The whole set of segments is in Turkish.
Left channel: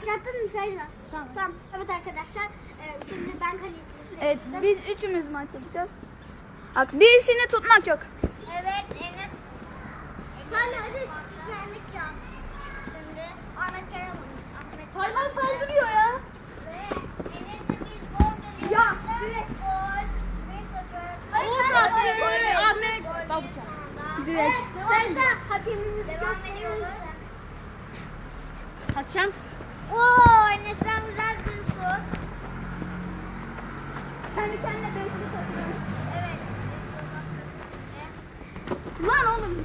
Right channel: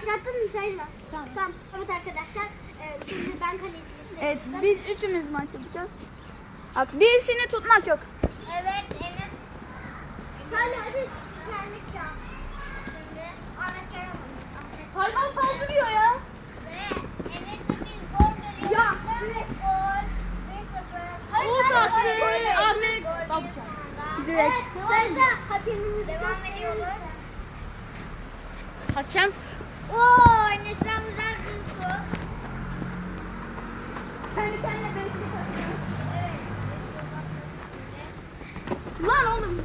Başlattın mı Feyza? Tamam. tamam. Evet arkadaşlar. E, şimdi ben hani kalecisi. Evet biz üçümüz maç yapacağız. Bak birisini tutmak yok. Evet. Enes. Sen de hadi güvenlik yap. Şimdi Ahmet Yaramaz. Hayvan saldırıyor ya. Ya. Ahmet. Babucan. Direkt. Evet, ben de hakemimizi gösteriyoruz. Kaçacağım. Lan oğlum.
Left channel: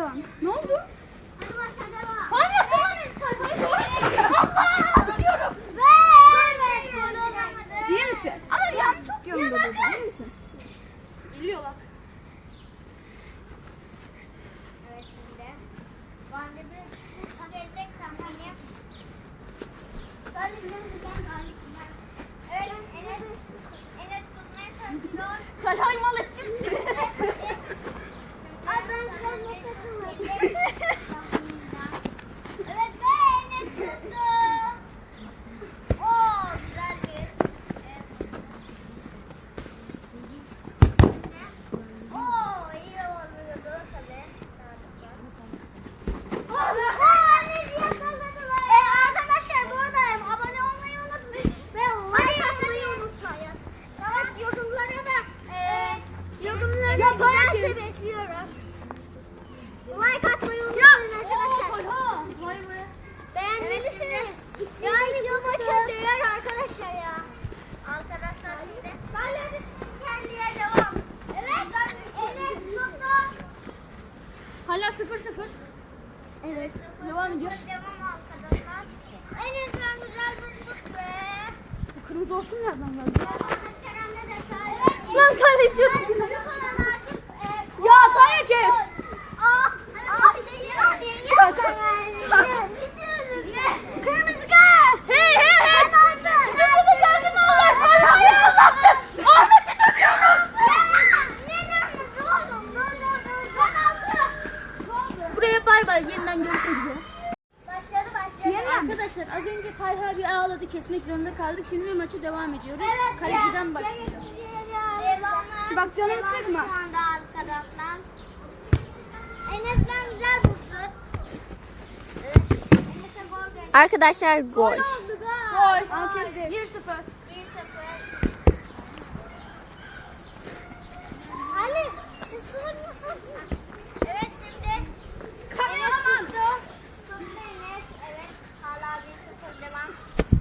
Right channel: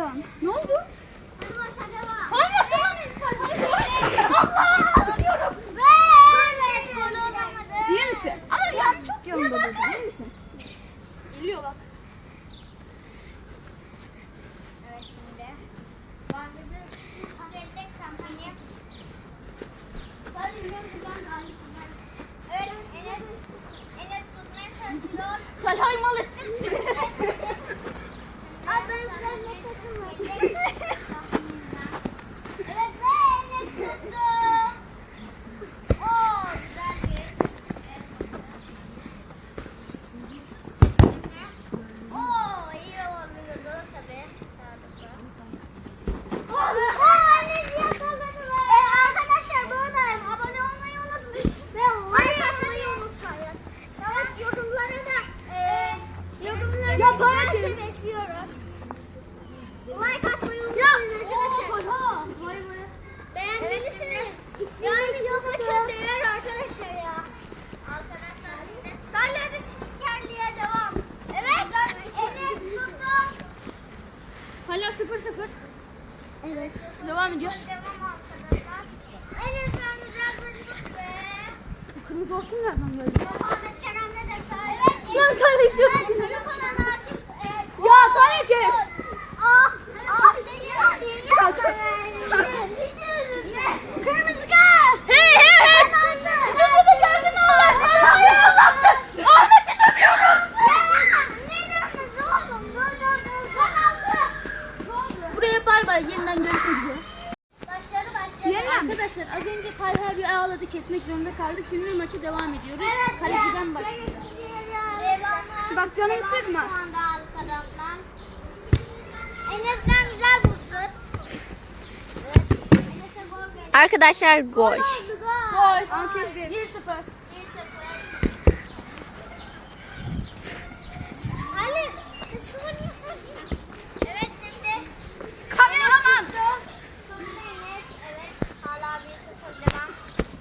yapıyorsun? Ne oldu? Değil misin? Ama yanlış çok yanında dedi. Değil misin? Geliyor bak. Kalay mal ettin. Şimdi maçı devam ediyoruz. Evet, Kaleciden ya, başlıyor. Devamı, Bak canım devamı sıkma. Şu anda arkadaşlar. Enes'ten güzel bir şut. Enes'e gol geldi. Arkadaşlar gol. Gol oldu gol. Gol. 1-0. 1-0.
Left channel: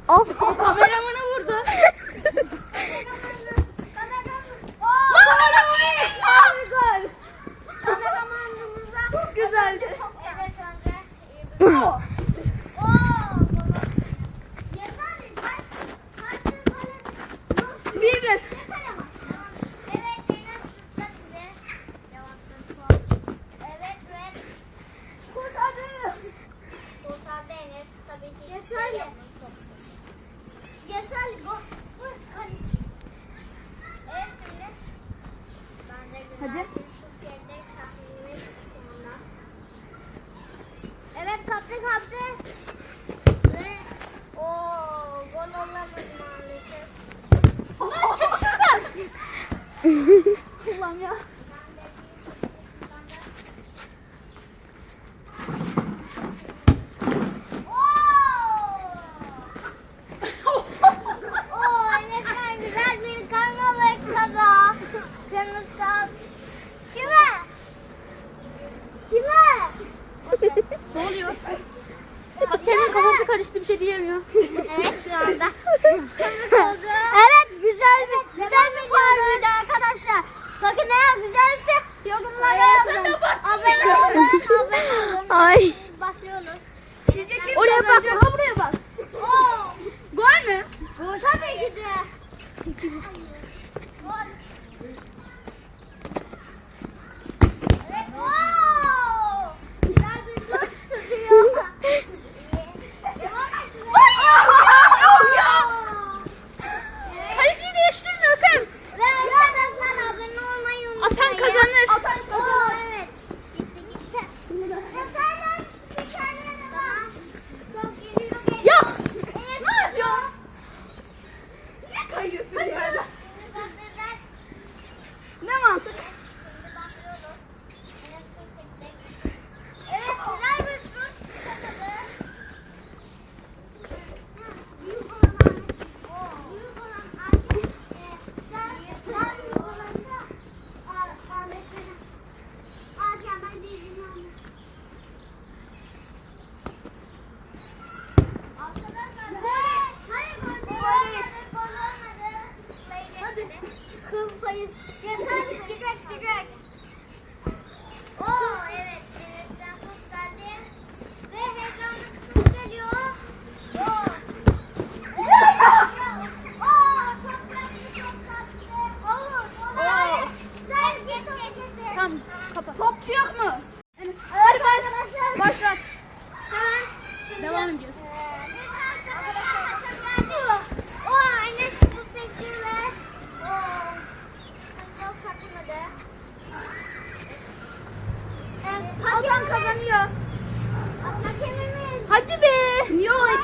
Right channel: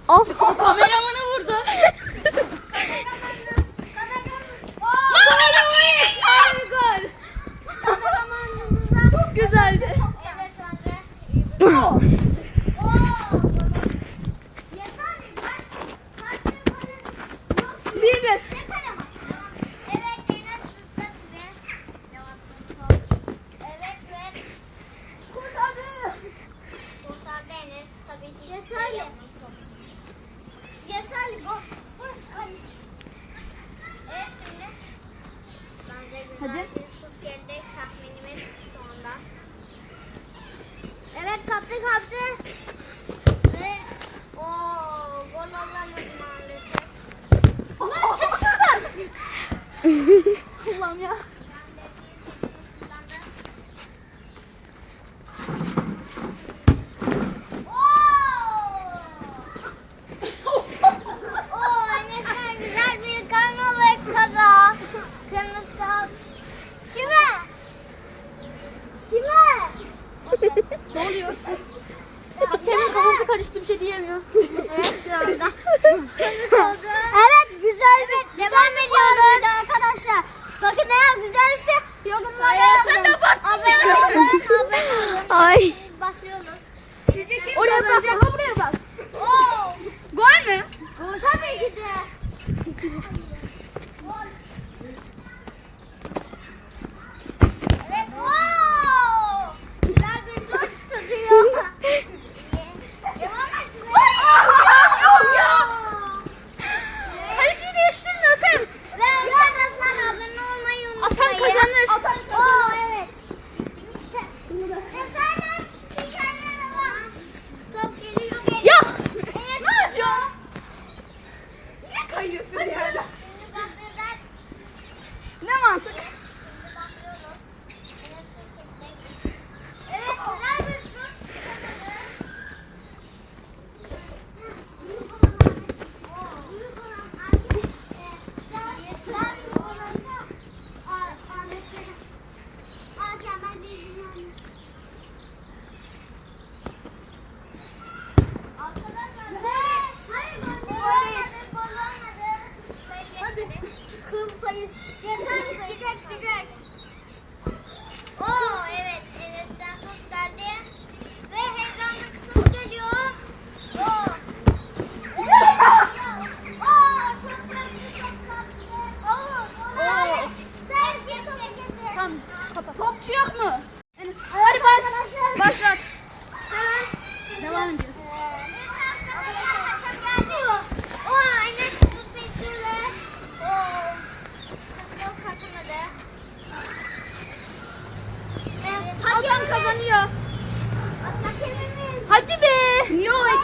Of. Kameraman. Kullan ya. Kendi kafası karıştı bir şey diyemiyor. evet şu anda. evet güzel bir Devam ediyoruz. Arkadaşlar bakın eğer güzelse yorumlara yazın. Abone olun, abone olun. Ay. Başlıyoruz. Oraya bak, buraya bak. Oo. Gol mü? Tabii ki de.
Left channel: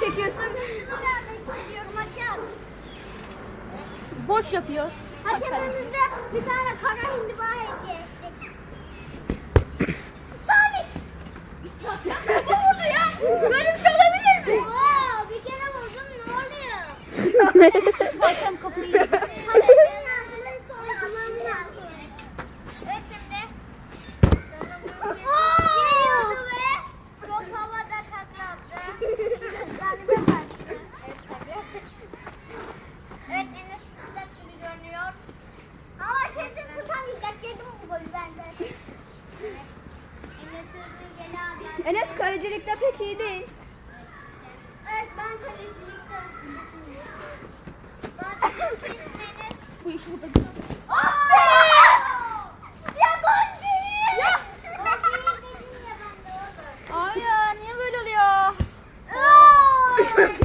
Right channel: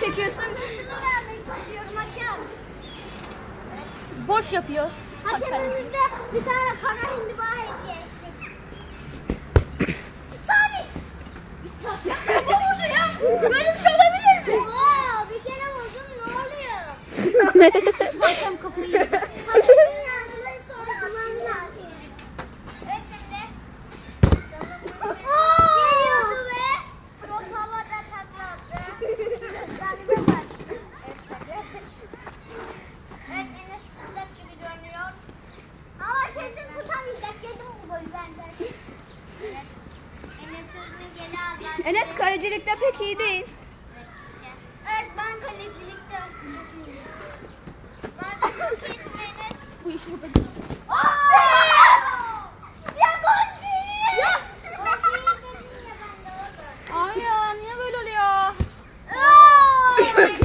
çekiyorsun? Kırmızı almak istiyorum hocam. Boş yapıyor. Hakemimizde bir tane kana hindiba hediye Salih! Ne oldu ya? Böyle bir şey olabilir mi? Oo, bir kere vurdum ne oluyor? Bakam kafayı. Enes kalecilikte pek iyi değil. Evet ben kalecilikte. Ben kesmeniz. Bu işi burada Ya gol değil. Ya. Hayır niye böyle oluyor?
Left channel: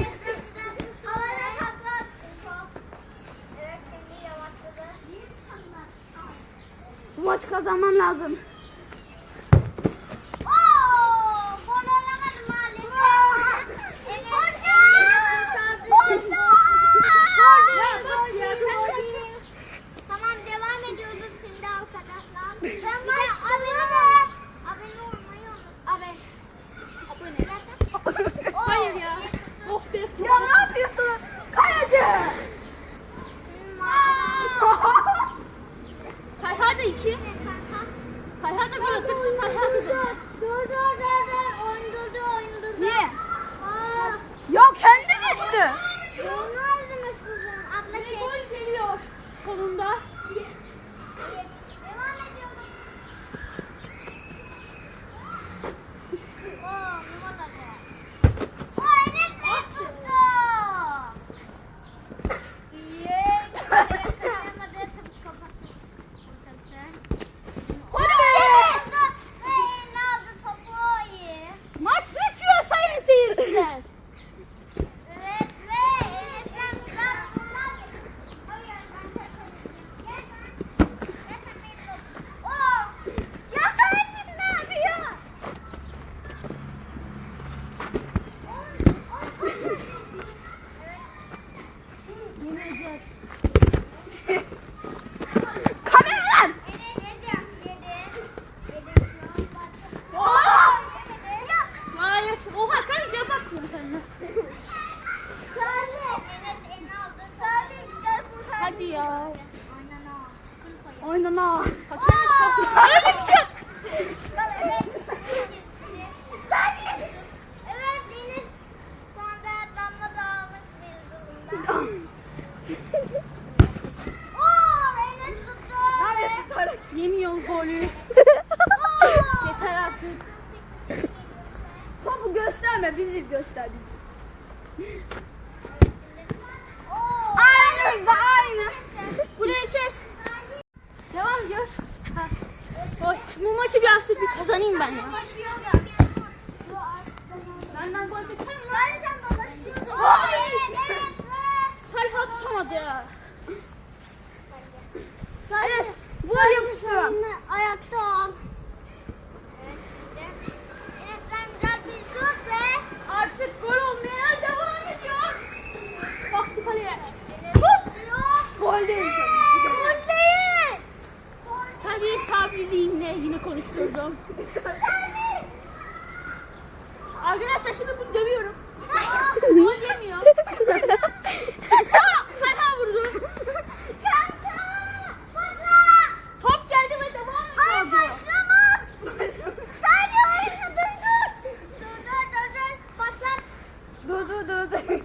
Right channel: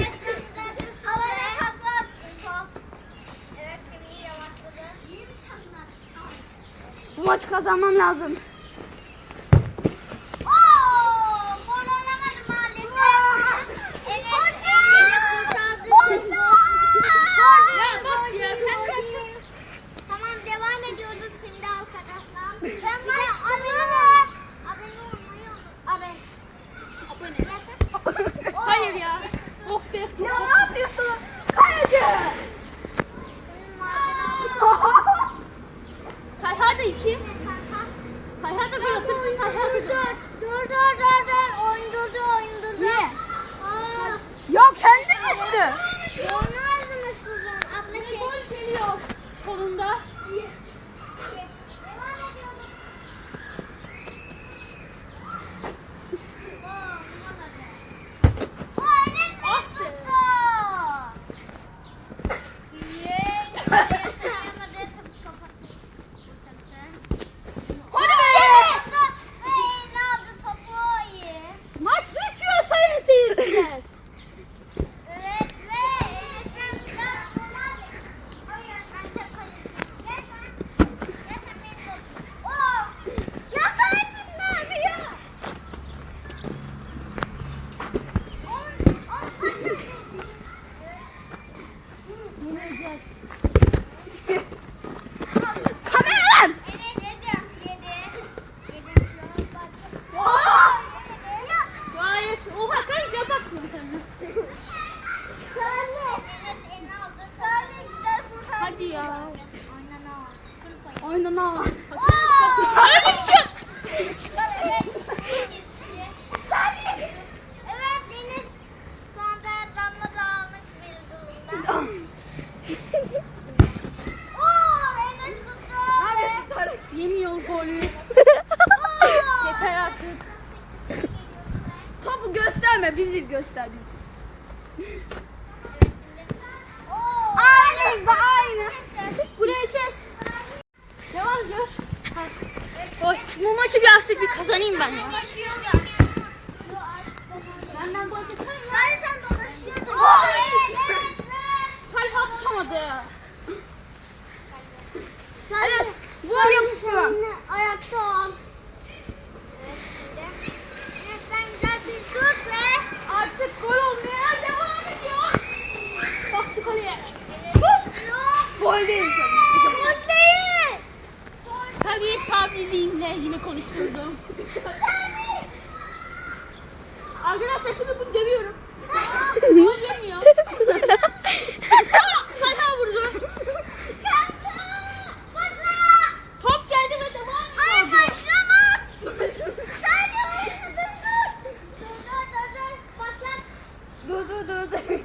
Bu maçı kazanmam lazım. Bizi göster bizi. Aynı da aynı. Buraya kes. Devam gör. Oy, bu maçı bir artık bir kazanayım ben ya. Benden gol geçer mi? Sen sen dolaşıyordun. Sayfa tutamadı. Sen Gol yapıştı. ayakta al. Enes'ten güzel bir şut ve Artık gol olmaya devam ediyor. Baktı kaleye. Tut. Gol değil. Gol değil. Tabii sabriliğimle yine konuşturdum. Arkadaşlar şimdi bunu dövüyorum. Gol yemiyor. Vurdu. Top geldi ve devam. Patlat. Dur dur dur. dur.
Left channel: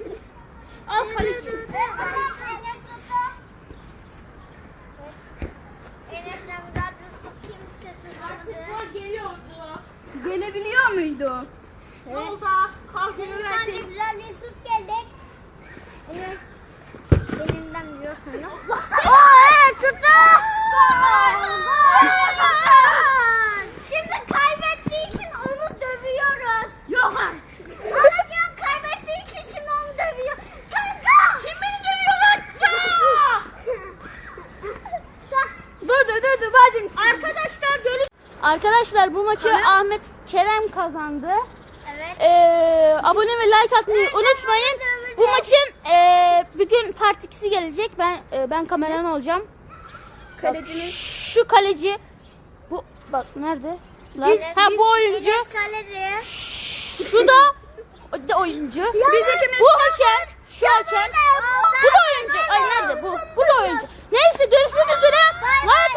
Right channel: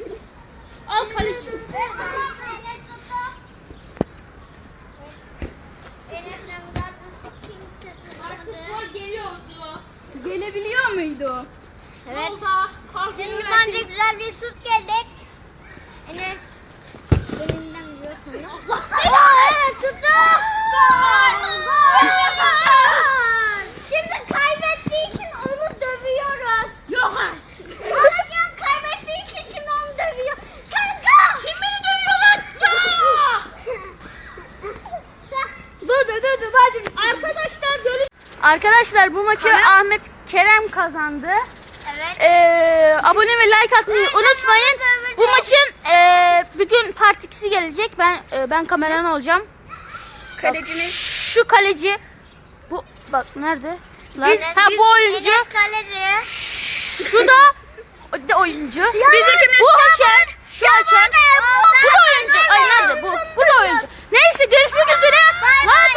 Al kaleci. Enes tuttu. Enes'ten güzel bir şut kimse Artık tutamadı. gol geliyordu. Gelebiliyor muydu? Evet. Olsa Deniz'den de verdik. güzel bir şut geldik. Enes elinden biliyorsun. Aa evet tuttu. Şimdi kaybettiği için onu dövüyoruz. Yok artık. Arayan kaybettiği için şimdi onu dövüyor. Kanka. Kim beni dövüyor lan? Ya! Sa- Dur dur dur dur bacım. Arkadaşlar görüş. Arkadaşlar bu maçı Ahmet Kerem kazandı. Evet. Ee, abone ve like atmayı unutmayın. Dövüldü Bu maçın e, bir gün part 2'si gelecek. Ben e, ben kameraman olacağım. Kalecimiz. Şu kaleci bu bak nerede? Lan, ha bu oyuncu. Enes kaleci. Şu da da oyuncu. Biz ikimiz bu haşer. Şu haşer. Bu da oyuncu. Ay nerede bu? Bu da oyuncu. Neyse görüşmek üzere. Like